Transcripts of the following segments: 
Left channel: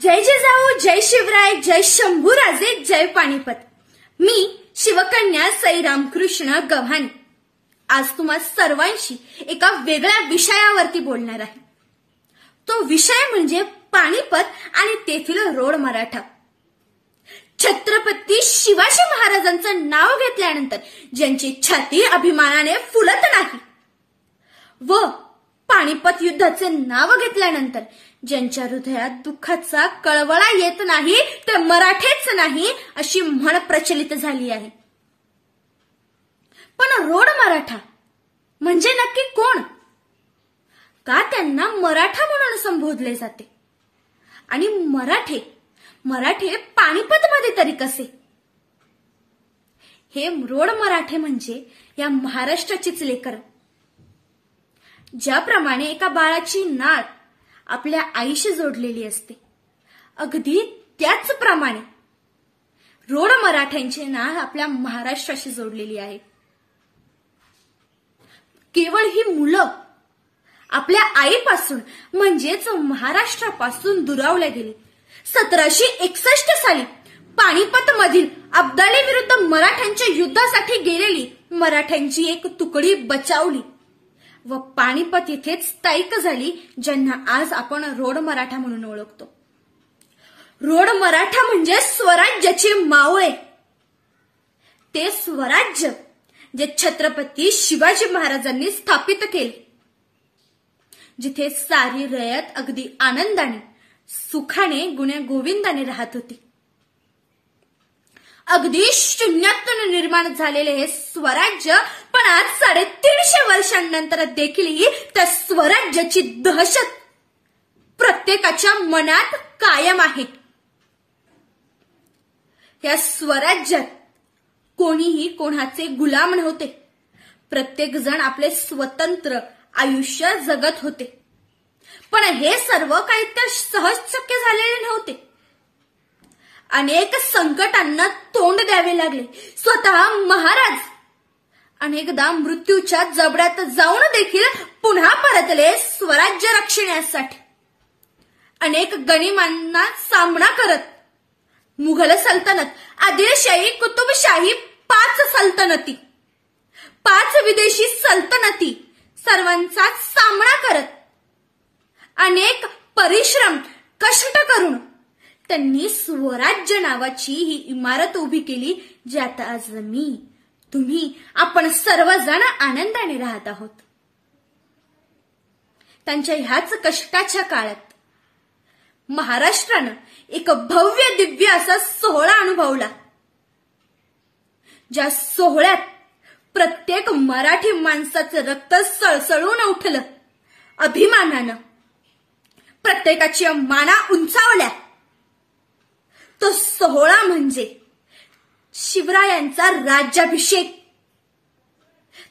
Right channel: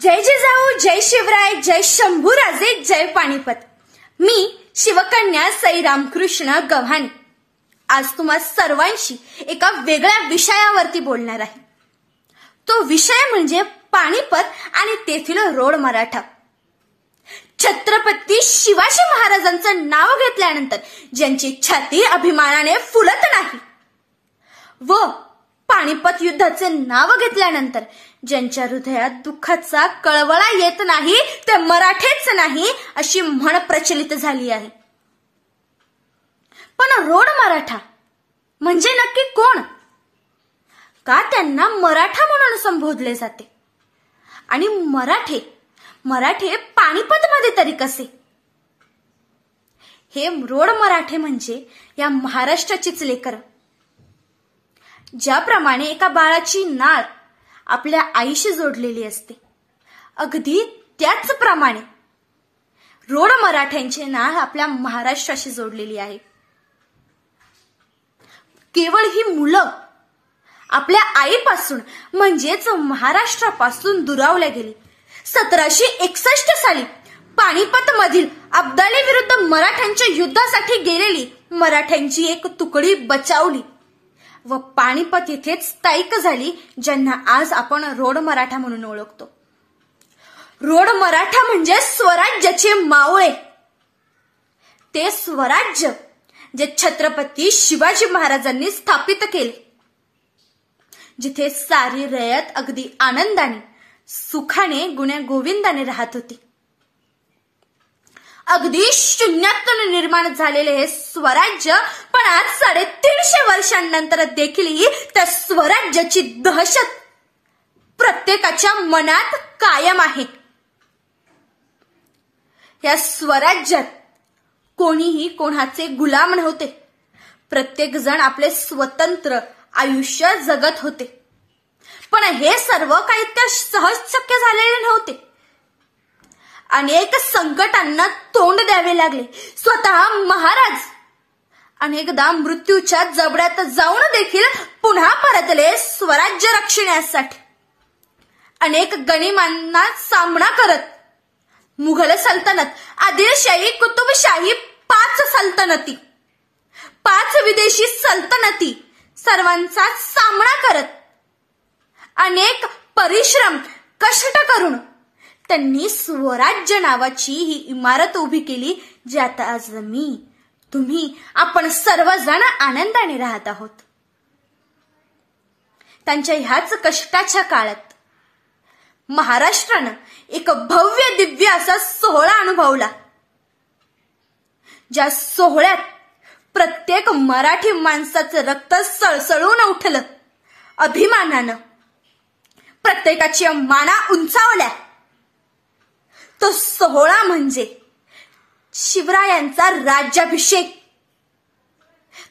जय जिजाऊ, जय शिवराय, जय शंभूराजे, जय पानिपत। मी शिवकन्या सई रामकृष्ण गव्हाणे आज तुम्हा सर्वांशी एका वेगळ्या विषयावरती बोलणार आहे। तो विषय म्हणजे पानिपत आणि तेथील रोड मराठा। छत्रपती शिवाजी महाराजांचं नाव घेतल्यानंतर ज्यांची छाती अभिमानाने फुलत नाही व पानिपत युद्धाचे नाव घेतल्यानंतर ज्यांच्या हृदयात दुःखाचा कळवळा येत नाही ते मराठेच नाही अशी म्हण प्रचलित झाली आहे। पण रोड मराठा म्हणजे नक्की कोण? का त्यांना मराठा म्हणून संबोधले जाते? आणि मराठे पानिपतमध्ये तरी कसे? हे रोड मराठे म्हणजे या महाराष्ट्राचीच लेकरं। ज्याप्रमाणे एका बाळाची नाळ आपल्या आईशी जोडलेली असते, अगदी त्याचप्रमाणे रोड मराठ्यांची नाळ आपल्या महाराष्ट्राशी जोडलेली आहे। केवळ ही मुलं आपल्या आईपासून म्हणजेच महाराष्ट्रापासून दुरावल्या गेली। 1761 साली पानिपत मधील अब्दाली विरुद्ध मराठ्यांच्या युद्धासाठी गेलेली मराठ्यांची एक तुकडी बचावली व पानिपत येथेच स्थायिक झाली, ज्यांना आज आपण रोड मराठा म्हणून ओळखतो। रोड मराठा म्हणजे स्वराज्याचे मावळे। ते स्वराज्य जे छत्रपती शिवाजी महाराजांनी स्थापित केले, जिथे सारी रयत अगदी आनंदाने सुखाने गुण्या गोविंदाने राहत होती। अगदी शून्यातून निर्माण झालेले हे स्वराज्य पण आज 350 वर्षांनंतर देखील त्या स्वराज्याची दहशत प्रत्येकाच्या मनात कायम आहे। या स्वराज्यात कोणीही कोणाचे गुलाम नव्हते। प्रत्येक जण आपले स्वतंत्र आयुष्य जगत होते। पण हे सर्व काही त्या सहज शक्य झालेले नव्हते। अनेक संकटांना तोंड द्यावे लागले। स्वतः महाराज अनेकदा मृत्यूच्या जबड्यात जाऊन देखील पुन्हा परतले स्वराज्य रक्षणासाठी। अनेक गनिमांना सामना करत मुघल सल्तनत, आदिलशाही, कुतुबशाही, 5 सल्तनती, 5 विदेशी सल्तनती सर्वांचा सामना करत अनेक परिश्रम कष्ट करून त्यांनी स्वराज्य नावाची ही इमारत उभी केली, जी आता आज मी, तुम्ही, आपण सर्वजण आनंदाने राहत आहोत। त्यांच्या ह्याच कष्टाच्या काळात महाराष्ट्रानं एक भव्य दिव्य असा सोहळा अनुभवला, ज्या सोहळ्यात प्रत्येक मराठी माणसाचं रक्त सळसळून उठलं। अभिमानानं प्रत्येकाच्या माना उंचावल्या। तो सोहळा म्हणजे शिवरायांचा राज्याभिषेक।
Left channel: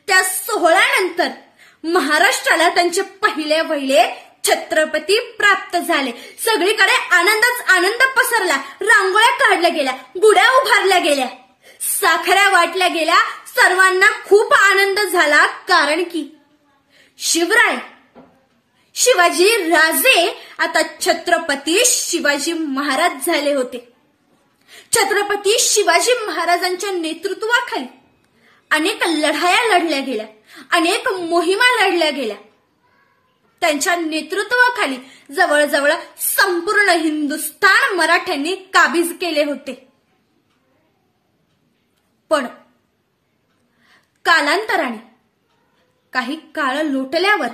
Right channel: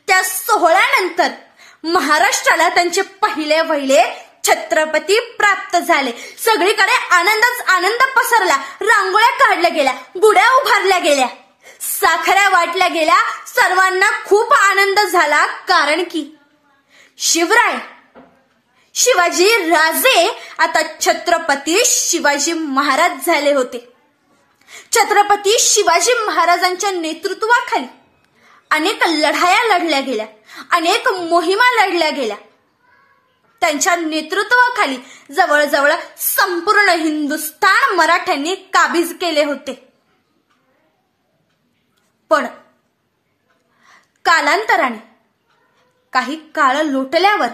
त्या सोहळ्यानंतर महाराष्ट्राला त्यांचे पहिले छत्रपती प्राप्त झाले। सगळीकडे आनंदच आनंद पसरला। रांगोळ्या काढल्या गेल्या, गुड्या उभारल्या गेल्या, साखऱ्या वाटल्या गेल्या। सर्वांना खूप आनंद झाला, कारण की शिवाजी राजे आता छत्रपती शिवाजी महाराज झाले होते। छत्रपती शिवाजी महाराजांच्या नेतृत्वाखाली अनेक लढाया लढल्या गेल्या, अनेक मोहिमा लढल्या गेल्या। त्यांच्या नेतृत्वाखाली जवळजवळ संपूर्ण हिंदुस्थान मराठ्यांनी काबीज केले होते। पण कालांतराने काही काळ लोटल्यावर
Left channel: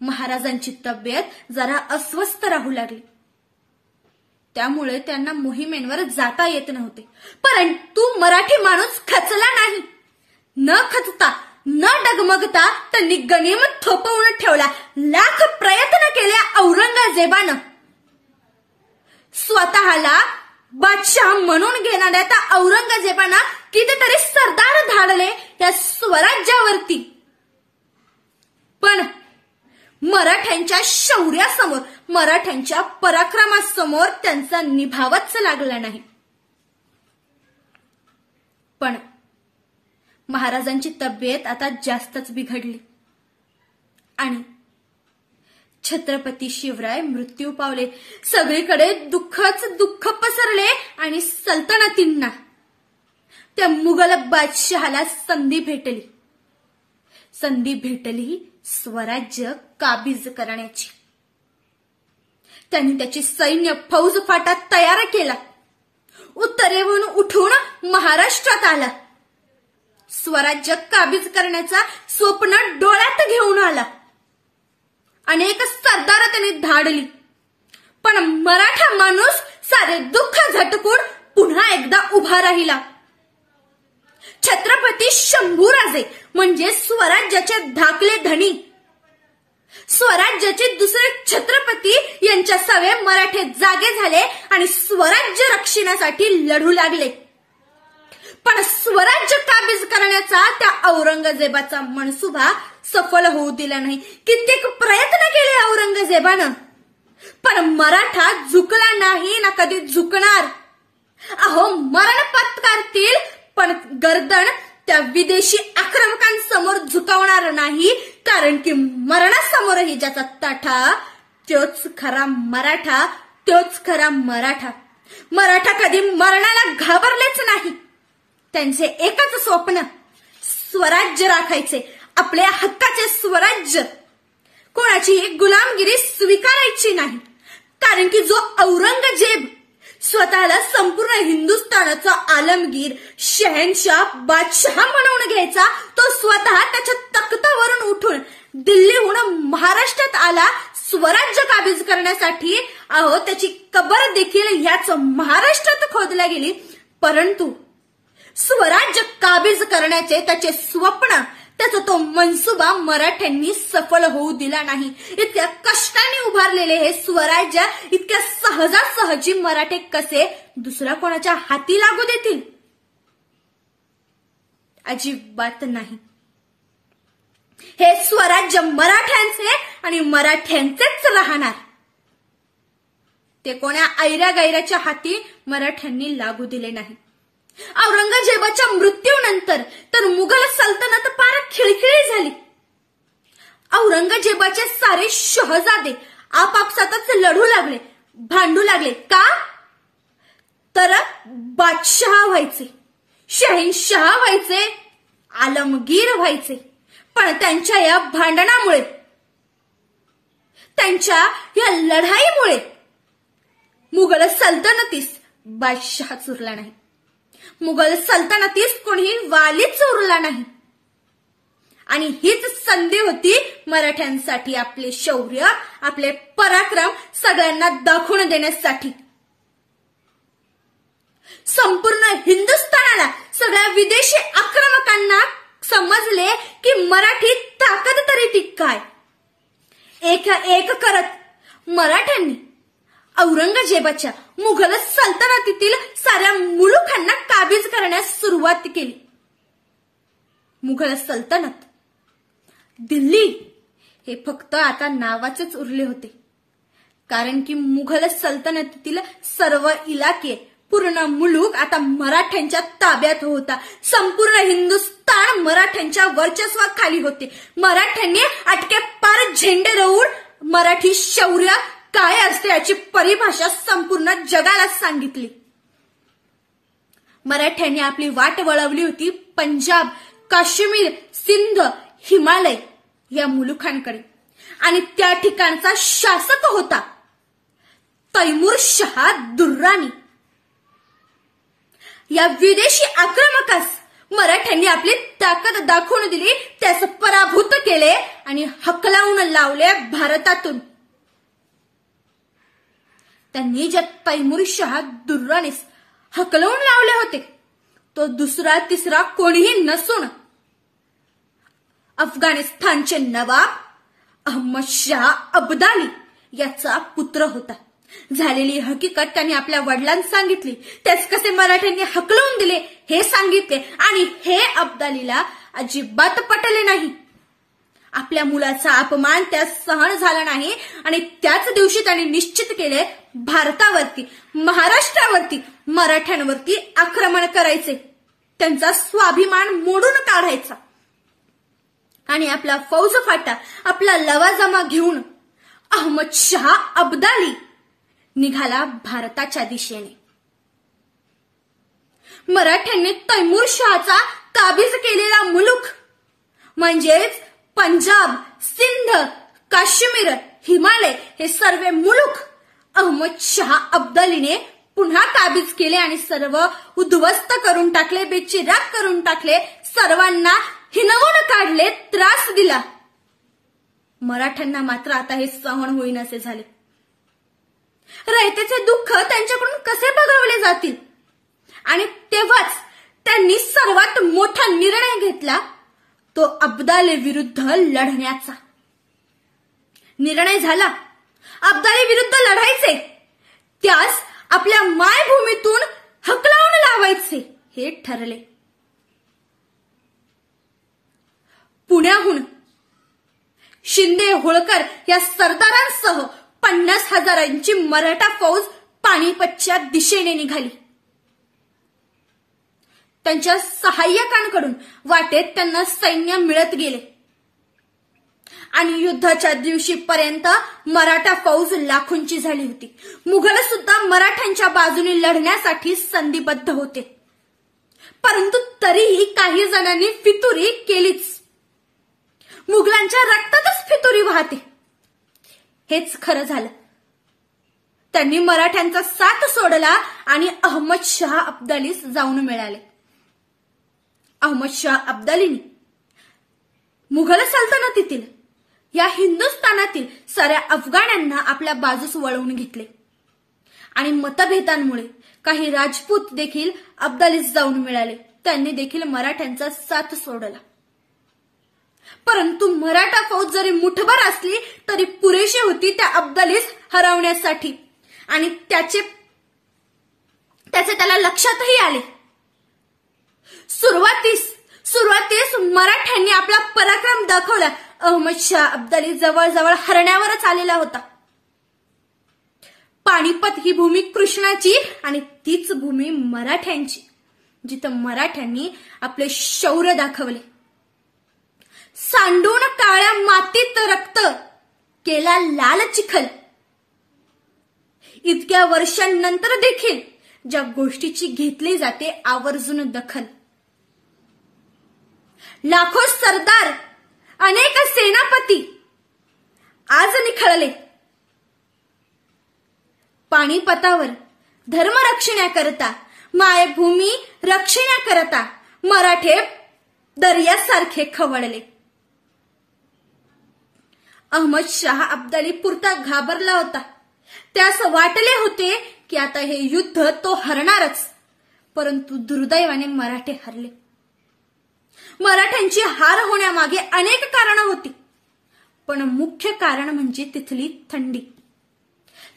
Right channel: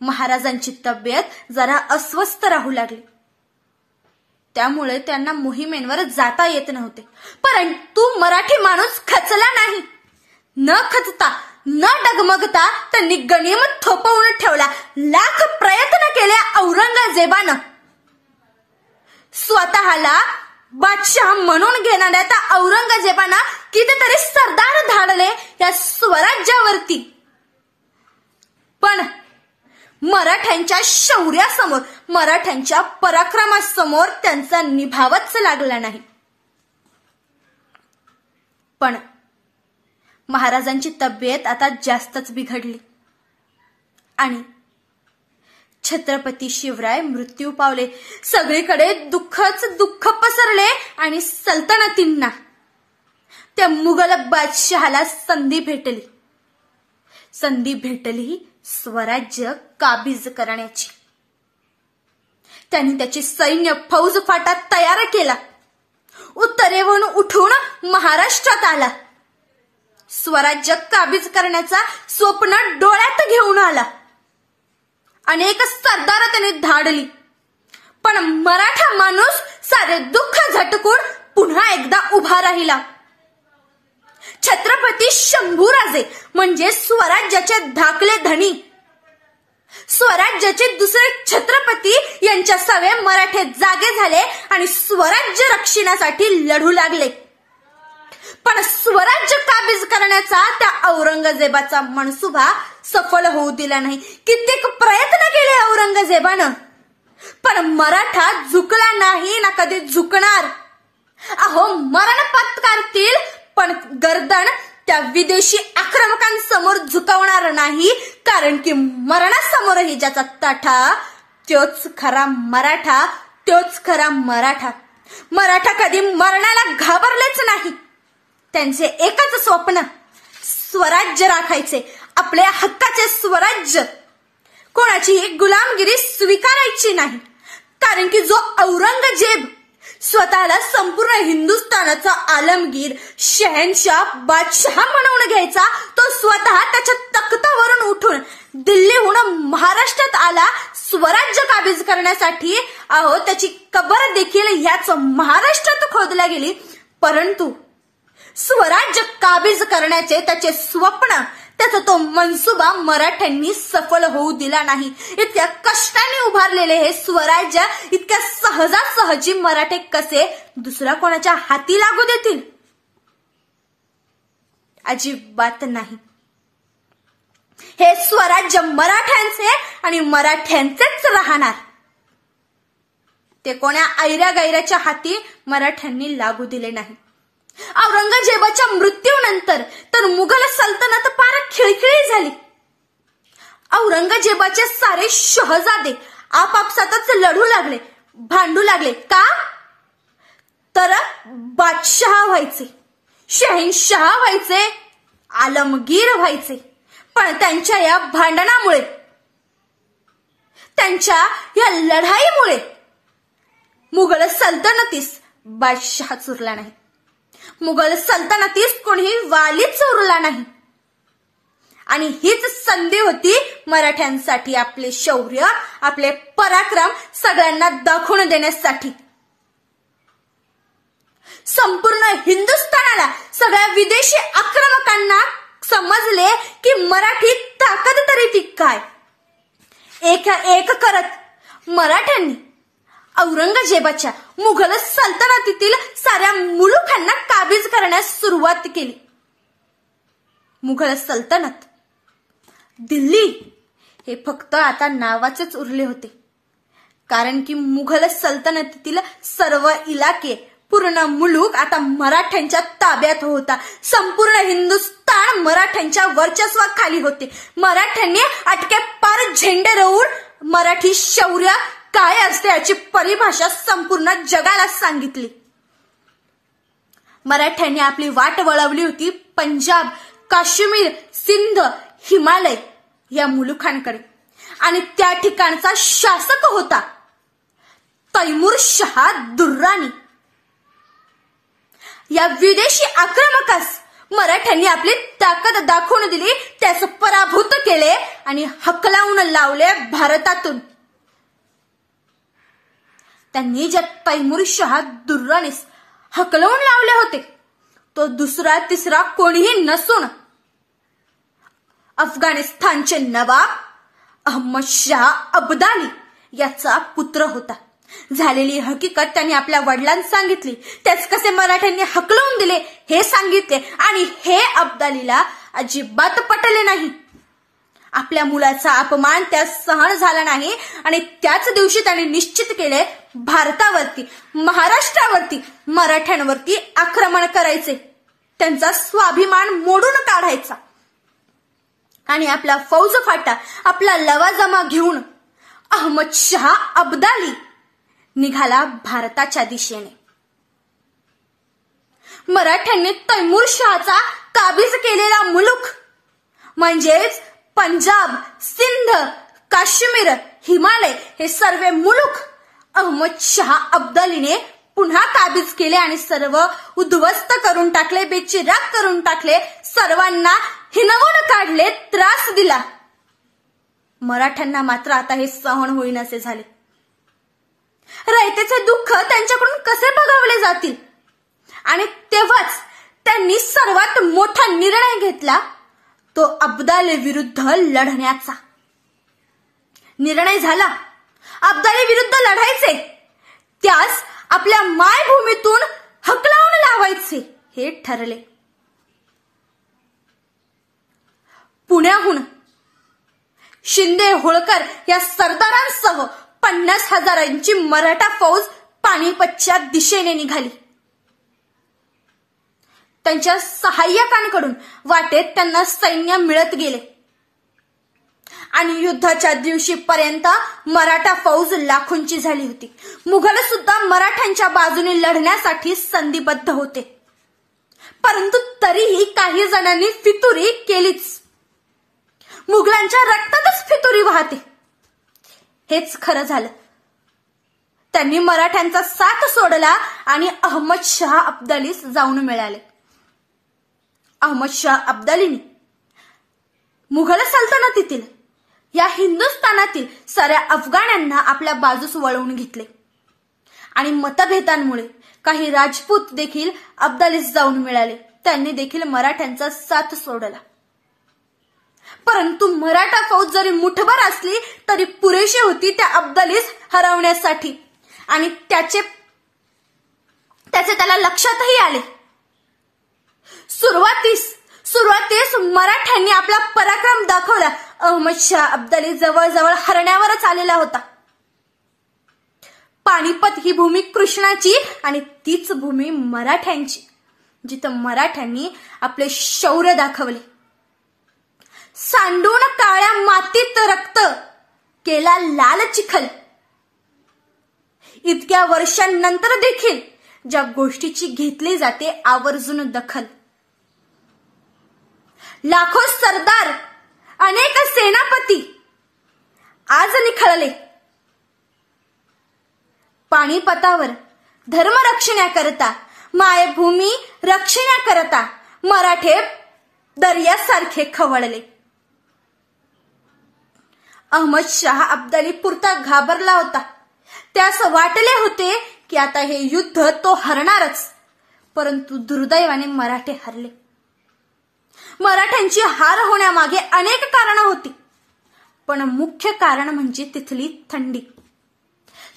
महाराजांची तब्येत जरा अस्वस्थ राहू लागली। त्यामुळे त्यांना मोहिमेंवर जाता येत नव्हते। परंतु मराठी माणूस खचला नाही। न खचता न डगमगता त्यांनी गनिमत थोपवून ठेवला। लाख प्रयत्न केले औरंगजेबानं स्वतःला बादशाह म्हणून घेणाऱ्या त्या औरंगजेबानं कितीतरी सरदार धाडले त्या स्वराज्यावरती, पण मराठ्यांच्या शौर्यासमोर, मराठ्यांच्या पराक्रमासमोर त्यांचा निभावच लागला नाही। पण महाराजांची तब्येत आता जास्तच बिघडली आणि छत्रपती शिवराय मृत्यू पावले. सगळीकडे दुःखच दुःख पसरले आणि सल्तनतींना, त्या मुघल बादशहाला संधी भेटली स्वराज्य काबीज करण्याची. त्यांनी त्याची सैन्य फौज फाटा तयार केला. उत्तरेहून उठून महाराष्ट्रात आला. स्वराज्य काबीज करण्याचा स्वप्न डोळ्यात घेऊन आला. अनेक सरदार त्याने धाडली, पण मराठा माणूस सारे दुःख झटकून पुन्हा एकदा उभा राहिला. छत्रपती शंभूराजे म्हणजे स्वराज्याचे धाकले धनी, स्वराज्याचे दुसरे छत्रपती यांच्या सवे मराठे जागे झाले आणि स्वराज्य रक्षणासाठी लढू लागले. पण स्वराज्य काबीज करण्याचा त्या औरंगजेबाचा मनसुबा सफल होऊ दिला नाही. कित्येक प्रयत्न केले औरंगजेबानं, पण मराठा झुकला नाही ना कधी झुकणार. अहो, मरण पत्करतील पण गर्दन त्या विदेशी आक्रमकांसमोर झुकवणार नाही, कारण की मरणासमोरही ज्याचा ताठा तोच खरा मराठा, तोच खरा मराठा. मराठा कधी मरणाला घाबरलेच नाही. त्यांचे एकच स्वप्न, स्वराज्य राखायचे, आपल्या हक्काचे स्वराज्य. कोणाची गुलामगिरी स्वीकारायची नाही, कारण की जो औरंगजेब स्वतःला संपूर्ण हिंदुस्थानाचा आलमगीर, शहनशाह, बादशाह म्हणून घ्यायचा, तो स्वतः त्याच्या तख्तावरून उठून दिल्लीहून महाराष्ट्रात आला स्वराज्य काबीज करण्यासाठी. अहो, त्याची कबर देखील याच महाराष्ट्रात खोदल्या गेली. परंतु स्वराज्य काबीज करण्याचे त्याचे स्वप्न, त्याचा तो मनसुबा मराठ्यांनी सफल होऊ दिला नाही. इतक्या कष्टाने उभारलेले हे स्वराज्य इतक्या सहजासहजी मराठे कसे दुसऱ्या कोणाच्या हाती लागू देतील? अजिबात नाही. हे स्वराज्य मराठ्यांचे आणि मराठ्यांचेच राहणार. ते कोणा ऐऱ्या गैऱ्याच्या हाती मराठ्यांनी लागू दिले नाही. औरंगजेबाच्या मृत्यूनंतर तर मुघल सल्तनत फार खिळखिळी झाली. औरंगजेबाचे सारे शहजादे आपापसातच लढू लागले, भांडू लागले. का? तर बादशाह व्हायचे, शहनशाह व्हायचे, आलमगीर व्हायचे. पण त्यांच्या या भांडणामुळे, त्यांच्या या लढाईमुळे मुघल सल्तनतीस बादशाहच उरला नाही. मुघल सल्तनतीस कोणीही वालीच उरला नाही. आणि हीच संधी होती मराठ्यांसाठी आपले शौर्य, आपले पराक्रम सगळ्यांना दाखवून देण्यासाठी. संपूर्ण हिंदुस्थानाला, सगळ्या विदेशी आक्रमकांना समजले की मराठी ताकद तरी ती काय. एक करत मराठ्यांनी औरंगजेबाच्या मुघल सल्तनतीतील साऱ्या मुलुखांना काबीज करण्यास सुरुवात केली. मुघल सल्तनत, दिल्ली हे फक्त आता नावाचेच उरले होते, कारण की मुघल सल्तनतीतील सर्व इलाके, पूर्ण मुलूक आता मराठ्यांच्या ताब्यात होता. संपूर्ण हिंदुस्थान मराठ्यांच्या वर्चस्वाखाली होते. मराठ्यांनी अटके पार झेंडे रोवून मराठी शौर्य काय असते याची परिभाषा संपूर्ण जगाला सांगितली. मराठ्यांनी आपली वाट वळवली होती पंजाब, काश्मीर, सिंध, हिमालय या मुलुखांकडे. आणि त्या ठिकाणचा शासक होता तैमूर शाह दुर्राणी. या विदेशी आक्रमकास मराठ्यांनी आपली ताकद दाखवून दिली, त्यास पराभूत केले आणि हकलावून लावले भारतातून. त्यांनी ज्या तैमूर शाह दुर्राणीस हकलवून लावले होते, तो दुसरा तिसरा कोणीही नसून अफगाणिस्तानचे नवाब अहमद शाह अब्दाली याचा पुत्र होता. झालेली हकीकत त्यांनी आपल्या वडिलांना सांगितली. त्याच कसे मराठ्यांनी हकलवून दिले हे सांगितले आणि हे अब्दालीला अजिबात पटले नाही. आपल्या मुलाचा अपमान त्यास सहन झाला नाही आणि त्याच दिवशी त्यांनी निश्चित केले भारतावरती, महाराष्ट्रावरती, मराठ्यांवरती आक्रमण करायचे, त्यांचा स्वाभिमान मोडून काढायचा आणि आपला फौज फाटा, आपला लवाजमा घेऊन अहमद शाह अब्दाली निघाला भारताच्या दिशेने. मराठ्यांनी तैमूर शहाचा काबीज केलेला मुलूक म्हणजेच पंजाब, सिंध, काश्मीर, हिमालय हे सर्व मुलूक अहमद शाह अब्दालीने पुन्हा काबीज केले आणि सर्व उद्ध्वस्त करून टाकले, बेचिराग करून टाकले, सर्वांना हिलवून काढले, त्रास दिला. मराठ्यांना मात्र आता हे सहन होईनासे झाले. रयतेचे दुःख त्यांच्याकडून कसे बघावले जातील? आणि तेव्हाच त्यांनी सर्वात मोठा निर्णय घेतला, तो अब्दाली विरुद्ध लढण्याचा. निर्णय झाला, अब्दाली विरुद्ध लढायचे, त्यास आपल्या मायभूमीतून हकलावून लावायचे हे ठरले. पुण्याहून शिंदे, होळकर या सरदारांसह 50,000ची मराठा फौज पानिपतच्या दिशेने निघाली. त्यांच्या सहाय्यकांकडून वाटेत त्यांना सैन्य मिळत गेले आणि युद्धाच्या दिवशीपर्यंत मराठा फौज लाखोंची झाली होती. मुघल सुद्धा मराठ्यांच्या बाजूने लढण्यासाठी संधिबद्ध होते, परंतु तरीही काही जणांनी फितुरी केलीच. मुघलांच्या रक्तातच फितुरी वाहते, हेच खरं झालं. त्यांनी मराठ्यांचा साथ सोडला आणि अहमद शाह अब्दालीस जाऊन मिळाले. अहमद शाह अब्दालीने मुघल सल्तनतीतील या हिंदुस्थानातील साऱ्या अफगाणांना आपल्या बाजूस वळवून घेतले आणि मतभेदांमुळे काही राजपूत देखील अब्दालीस जाऊन मिळाले. त्यांनी देखील मराठ्यांचा साथ सोडला. परंतु मराठा फौज जरी मुठभर असली तरी पुरेशी होती त्या अब्दालीस हरवण्यासाठी आणि त्याचे त्याला लक्षातही आले. सुरुवातीस मराठ्यांनी आपला पराक्रम दाखवला. अहमद शाह अब्दाली जवळजवळ हरण्यावरच आलेला होता. पानिपत ही भूमी कृष्णाची आणि तीच भूमी मराठ्यांची, जिथं मराठ्यांनी आपले शौर्य दाखवले. सांडून काळ्या मातीत रक्त केला लाल चिखल. इतक्या वर्षांनंतर देखील ज्या गोष्टीची घेतली जाते आवर्जून दखल. लाखो सरदार, अनेक सेनापती आज निखळले. पानिपतावर धर्मरक्षणाकरता, मायभूमी रक्षणाकरता मराठे दर्यासारखे खवळले. अहमद शाह अब्दाली पुरता घाबरला होता. त्यास वाटले होते की आता हे युद्ध तो हरणारच, परंतु दुर्दैवाने मराठे हरले. मराठ्यांची हार होण्यामागे अनेक कारणं होती, पण मुख्य कारण म्हणजे तिथली थंडी.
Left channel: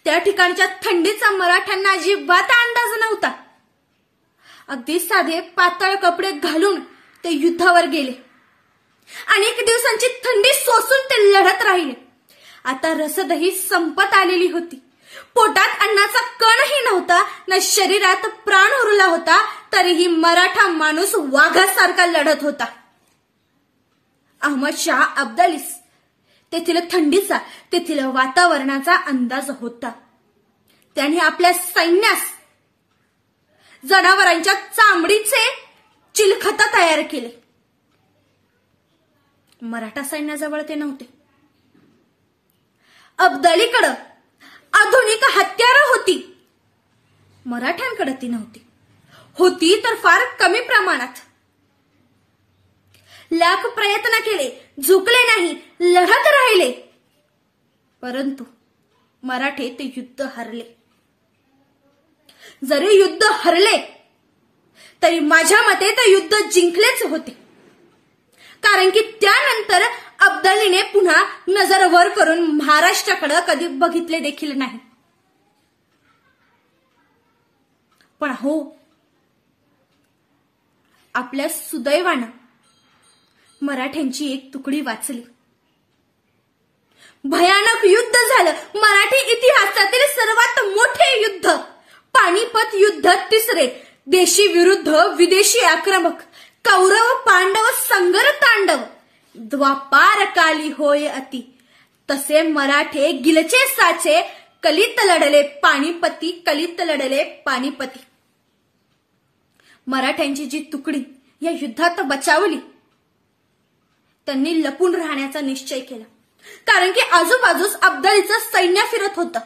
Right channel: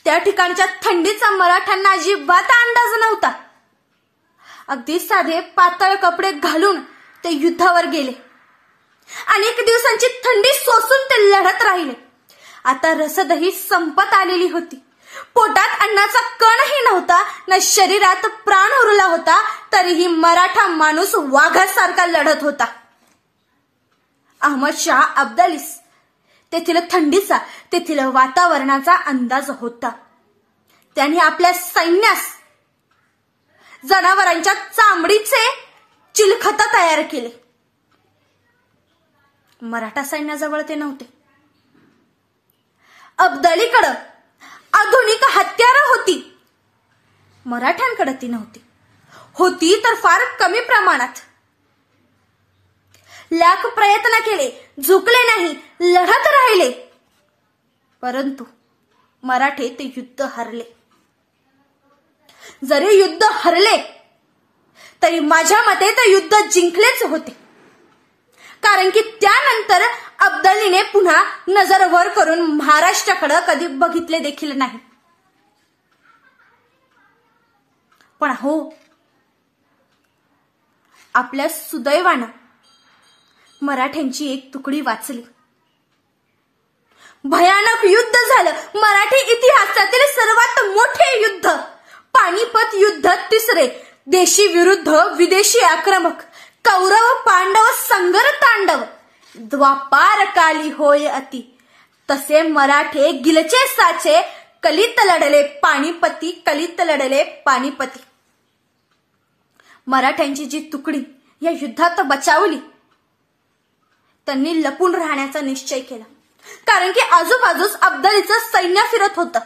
त्या ठिकाणच्या थंडीचा मराठ्यांना अजिबात अंदाज नव्हता. अगदी साधे पातळ कपडे घालून ते युद्धावर गेले. अनेक दिवसांची थंडी सोसून ते लढत राहिले. आता रसदही संपत आलेली होती. पोटात अन्नाचा कणही नव्हता, न शरीरात प्राण उरला होता, तरीही मराठा माणूस वाघासारखा लढत होता. अहमद शाह अब्दालीस तेथील थंडीचा, तेथील वातावरणाचा अंदाज होता. त्याने आपल्या सैन्यास जनावरांच्या चामडीचे चिलखत तयार केले. मराठा सैन्याजवळ ते नव्हते. अब्दालीकडे आधुनिक हत्यारं होती, मराठ्यांकडे ती नव्हती. होती तर फार कमी प्रमाणात. लाख प्रयत्न केले, झुकले नाही, लढत राहिले, परंतु मराठे ते युद्ध हरले. जरी युद्ध हरले तरी माझ्या मते ते युद्ध जिंकलेच होते, कारण की त्यानंतर अब्दालीने पुन्हा नजर वर करून महाराष्ट्राकडे कधी बघितले देखील नाही. पण हो, आपल्या सुदैवानं मराठ्यांची एक तुकडी वाचली. भयानक युद्ध झालं. मराठी इतिहासातील सर्वात मोठे युद्ध, पानिपत युद्ध तिसरे. देशी विरुद्ध विदेशी आक्रमक, कौरव पांडव संगर तांडव. द्वापार काली होय अति, तसे मराठे गिलचे साचे, कलित लढले पानिपती, कलित लढले पानिपती. मराठ्यांची जी तुकडी या युद्धात बचावली, त्यांनी लपून राहण्याचा निश्चय केला. कारण की आजूबाजूस अब्दालीचं सैन्य फिरत होतं.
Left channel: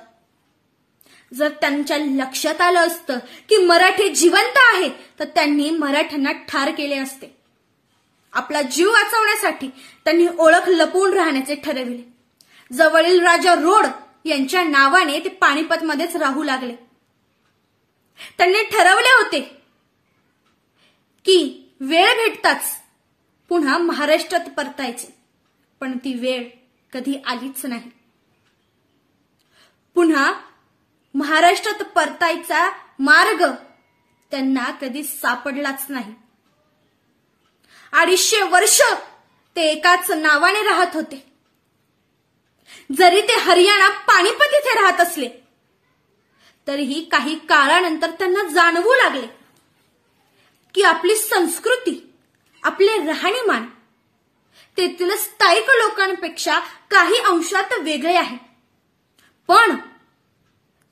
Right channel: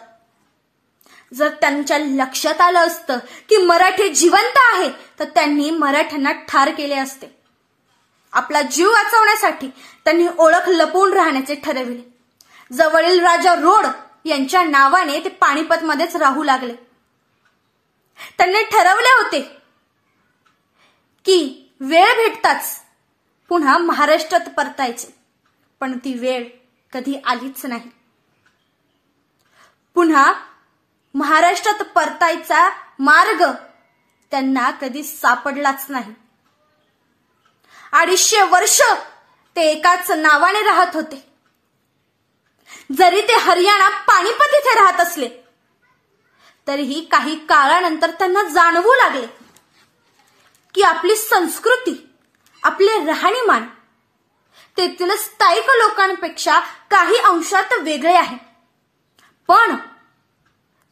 जर त्यांच्या लक्षात आलं असतं की मराठी जिवंत आहे, तर त्यांनी मराठ्यांना ठार केले असते. आपला जीव वाचवण्यासाठी त्यांनी ओळख लपवून राहण्याचे ठरविले. जवळील राजा रोड यांच्या नावाने ते पानिपतमध्येच राहू लागले. त्यांनी ठरवले होते की वेळ भेटताच पुन्हा महाराष्ट्रात परतायचे, पण ती वेळ कधी आलीच नाही. पुन्हा महाराष्ट्रात परतायचा मार्ग त्यांना कधी सापडलाच नाही. 250 वर्ष ते एकाच नावाने राहत होते. जरी ते हरियाणा पानिपत इथे राहत असले, तरीही काही काळानंतर त्यांना जाणवू लागले की आपली संस्कृती, आपले राहणीमान तेथील स्थायिक लोकांपेक्षा काही अंशात वेगळे आहे. पण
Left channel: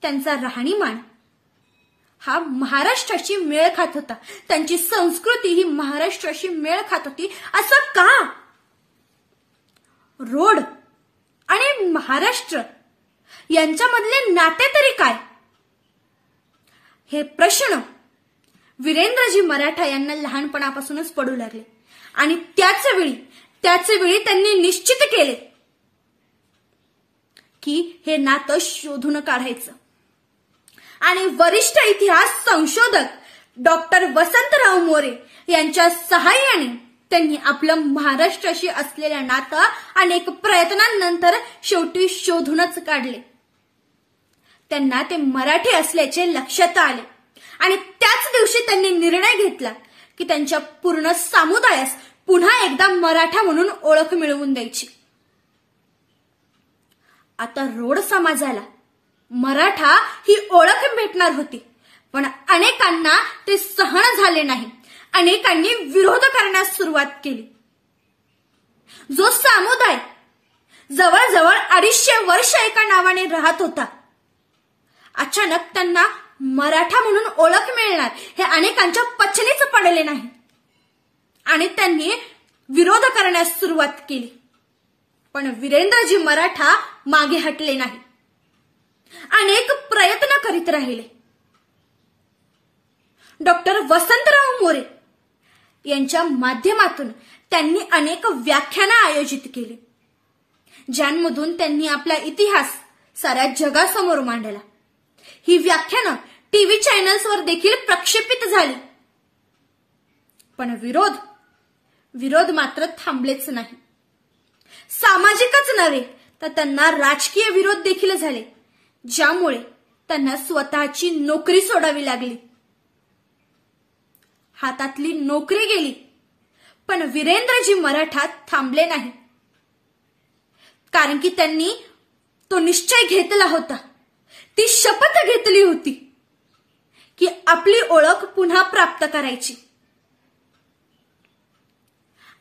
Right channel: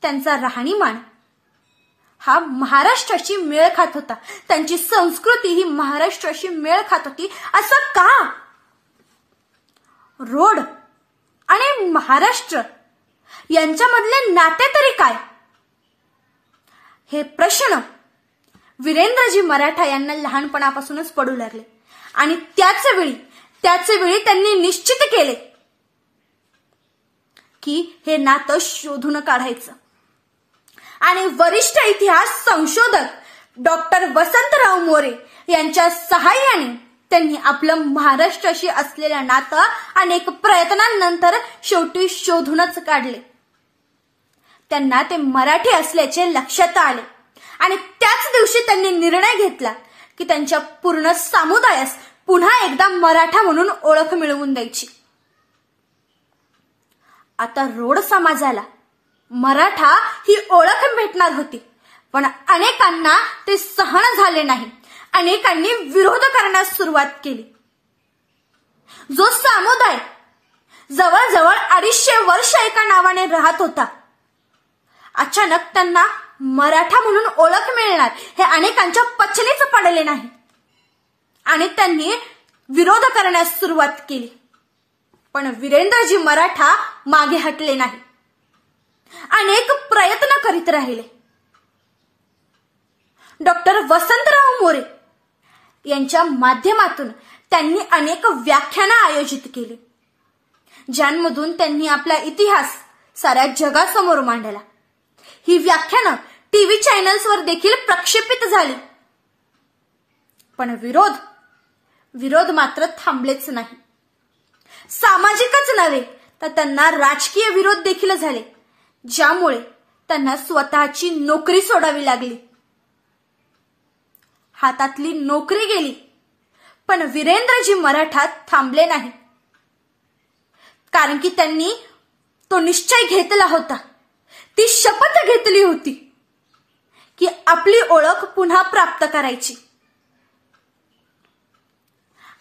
त्यांचा राहणीमान हा महाराष्ट्राशी मेळ खात होता. त्यांची संस्कृती ही महाराष्ट्राशी मेळ खात होती. असं का? रोड आणि महाराष्ट्र यांच्यामधले नाते तरी काय? हे प्रश्न वीरेंद्रजी मराठा यांना लहानपणापासूनच पडू लागले. आणि त्याच वेळी त्यांनी निश्चित केले की हे नातं शोधून काढायचं. आणि वरिष्ठ इतिहास संशोधक डॉक्टर वसंतराव मोरे यांच्या सहाय्याने त्यांनी आपलं महाराष्ट्राशी असलेलं नातं अनेक प्रयत्नांनंतर शेवटी शोधूनच काढले. त्यांना ते मराठी असल्याचे लक्षात आले आणि त्याच दिवशी त्यांनी निर्णय घेतला की त्यांच्या पूर्ण समुदायास पुन्हा एकदा मराठा म्हणून ओळख मिळवून द्यायची. आता रोड समाजाला मराठा ही ओळख भेटणार होती, पण अनेकांना ते सहन झाले नाही. अनेकांनी विरोध करण्यास सुरुवात केली. जो समुदाय जवळजवळ 250 वर्ष एका नावाने राहत होता, अचानक त्यांना मराठा म्हणून ओळख मिळणार हे अनेकांच्या पचनीच पडले नाही आणि त्यांनी विरोध करण्यास सुरुवात केली. पण वीरेंद्रजी मराठा मागे हटले नाही. अनेक प्रयत्न करीत राहिले. डॉक्टर वसंतराव मोरे यांच्या माध्यमातून त्यांनी अनेक व्याख्यानं आयोजित केली, ज्यांमधून त्यांनी आपला इतिहास साऱ्या जगासमोर मांडला. ही व्याख्यानं टीव्ही चॅनल्सवर देखील प्रक्षेपित झाली. पण विरोध मात्र थांबलेच नाही. सामाजिकच नव्हे तर त्यांना राजकीय विरोध देखील झाले, ज्यामुळे त्यांना स्वतःची नोकरी सोडावी लागली. हातातली नोकरी गेली, पण वीरेंद्रजी मराठा थांबले नाही. कारण की त्यांनी तो निश्चय घेतला होता, ती शपथ घेतली होती की आपली ओळख पुन्हा प्राप्त करायची.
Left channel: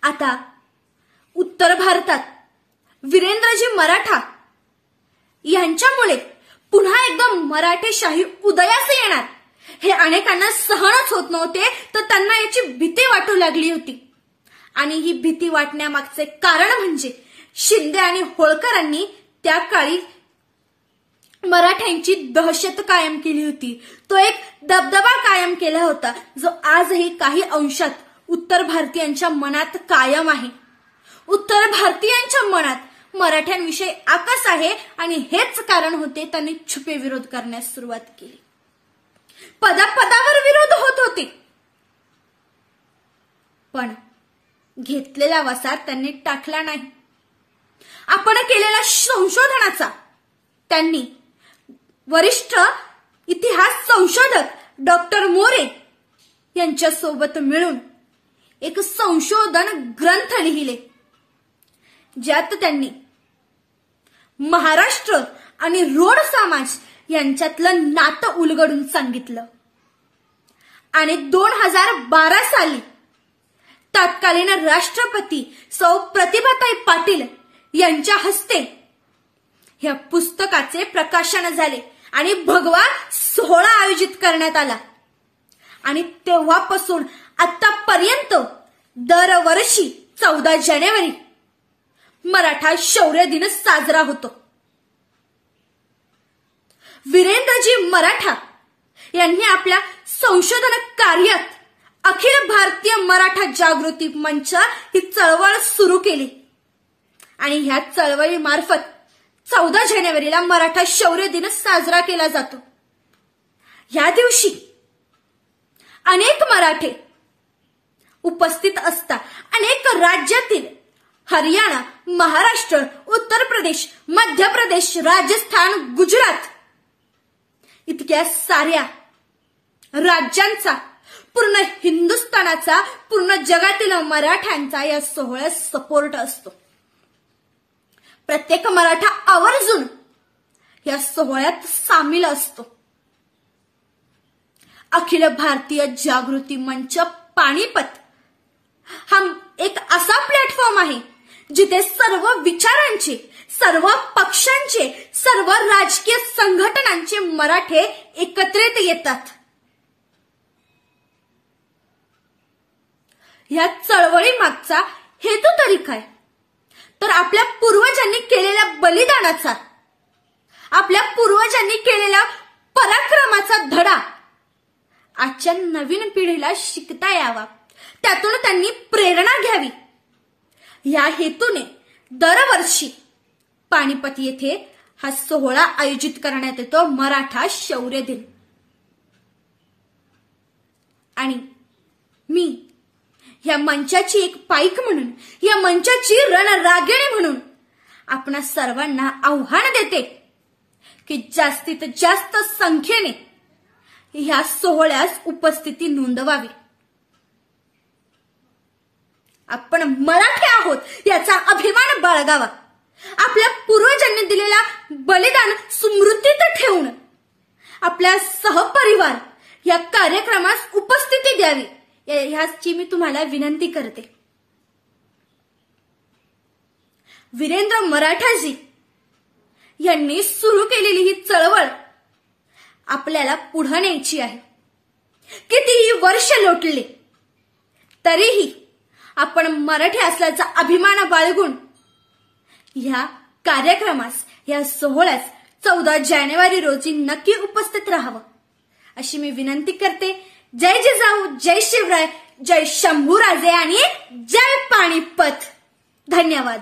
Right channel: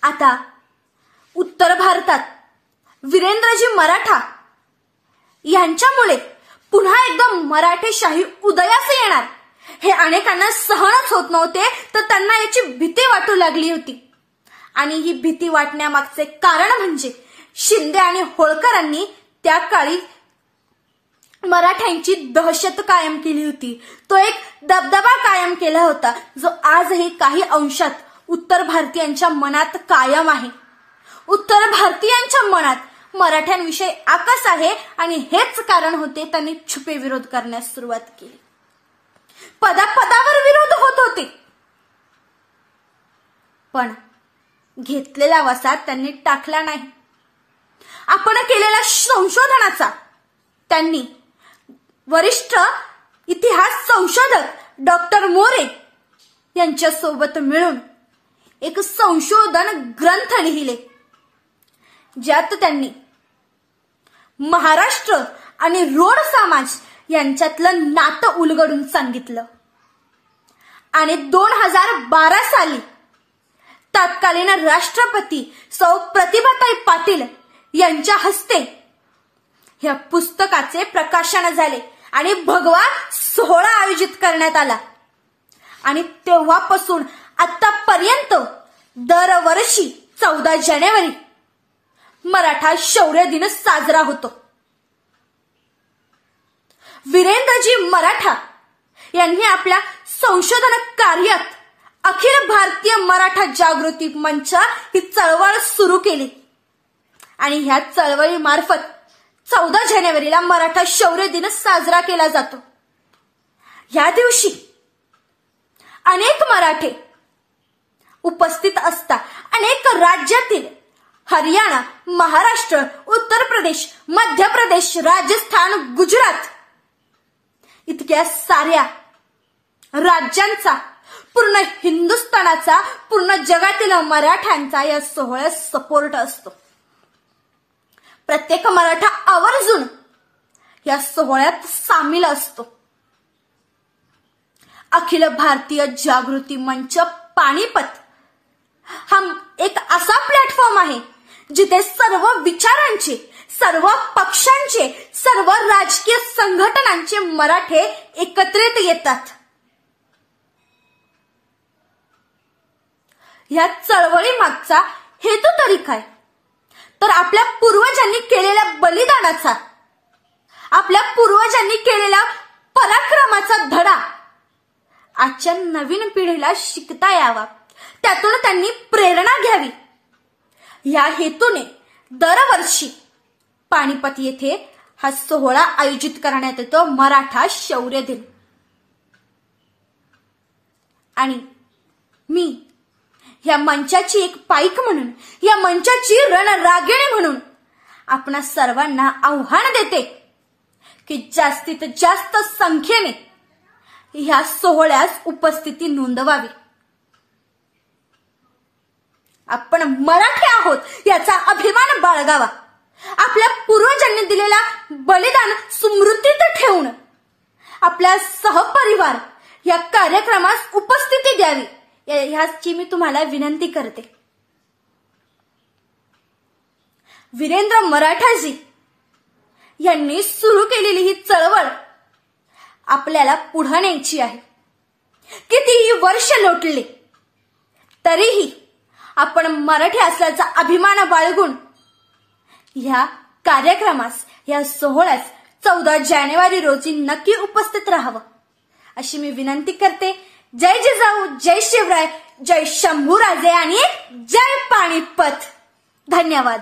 आता उत्तर भारतात वीरेंद्रजी मराठा यांच्यामुळे पुन्हा एकदा मराठेशाही उदयास येणार हे अनेकांना सहनच होत नव्हते. तर त्यांना याची भीती वाटू लागली होती. आणि ही भीती वाटण्यामागचे कारण म्हणजे शिंदे आणि होळकरांनी त्या काळी मराठ्यांची दहशत कायम केली होती. तो एक दबदबा कायम केला होता, जो आजही काही अंशात उत्तर भारतीयांच्या मनात कायम आहे. उत्तर भारतीयांच्या मनात मराठ्यांविषयी आकस आहे आणि हेच कारण होते त्यांनी छुपे विरोध करण्यास सुरुवात केली. पदावर विरोध होत होते, पण घेतलेला वसा त्यांनी टाकला नाही. आपण केलेल्या संशोधनाचा त्यांनी वरिष्ठ इतिहास संशोधक डॉक्टर मोरे यांच्यासोबत मिळून एक संशोधन ग्रंथ लिहिले, ज्यात त्यांनी महाराष्ट्र आणि रोड समाज यांच्यातलं नातं उलगडून सांगितलं. आणि 2012 साली तत्कालीन राष्ट्रपती सौ प्रतिभाताई पाटील यांच्या हस्ते या पुस्तकाचे प्रकाशन झाले आणि भगवा सोहळा आयोजित करण्यात आला. आणि तेव्हापासून आतापर्यंत दरवर्षी 14 जानेवारी मराठा शौर्य दिन साजरा होतो. वीरेंद्रजी मराठा यांनी आपल्या संशोधन कार्यात अखिल भारतीय मराठा जागृती मंच ही चळवळ सुरू केली आणि ह्या चळवळीमार्फत 14 जानेवारीला मराठा शौर्य दिन साजरा केला जातो. या दिवशी अनेक मराठे उपस्थित असतात. अनेक राज्यातील हरियाणा, महाराष्ट्र, उत्तर प्रदेश, मध्य प्रदेश, राजस्थान, गुजरात इतक्या साऱ्या राज्यांचा, पूर्ण हिंदुस्थानाचा, पूर्ण जगातील मराठ्यांचा या सोहळ्यात सपोर्ट असतो. प्रत्येक मराठा आवर्जून या सोहळ्यात सामील असतो. अखिल भारतीय जागृती मंच पानिपत हा एक असा प्लॅटफॉर्म आहे जिथे सर्व विचारांचे, सर्व पक्षांचे, सर्व राजकीय संघटनांचे मराठे एकत्रित येतात. या चळवळी मागचा हेतू तरी काय? तर आपल्या पूर्वजांनी केलेल्या बलिदानाचा, आपल्या पूर्वजांनी केलेल्या पराक्रमाचा धडा आजच्या नवीन पिढीला शिकता यावा, त्यातून त्यांनी प्रेरणा घ्यावी. या हेतूने दरवर्षी पानिपत येथे हा सोहळा आयोजित करण्यात येतो, मराठा शौर्य दिन. आणि मी या मंचाची एक पाईक म्हणून, या मंचाची रणरागिणी म्हणून आपणा सर्वांना आव्हान देते की जास्तीत जास्त संख्येने या सोहळ्यास उपस्थिती नोंदवावी. आपण मराठी आहोत याचा अभिमान बाळगावा. आपल्या पूर्वजांनी दिलेला बलिदान स्मृतीत ठेवून आपल्या सहपरिवार या कार्यक्रमास उपस्थिती द्यावी, ह्याची मी तुम्हाला विनंती करते. वीरेंद्र मराठाजी यांनी सुरू केलेली ही चळवळ आपल्याला पुढे न्यायची आहे. कितीही वर्ष लोटले तरीही आपण मराठी असल्याचा अभिमान बाळगून या कार्यक्रमास, या सोहळ्यास 14 जानेवारी रोजी नक्की उपस्थित राहावं अशी मी विनंती करते. जय जिजाऊ, जय शिवराय, जय शंभूराजे आणि जय पानिपत. धन्यवाद.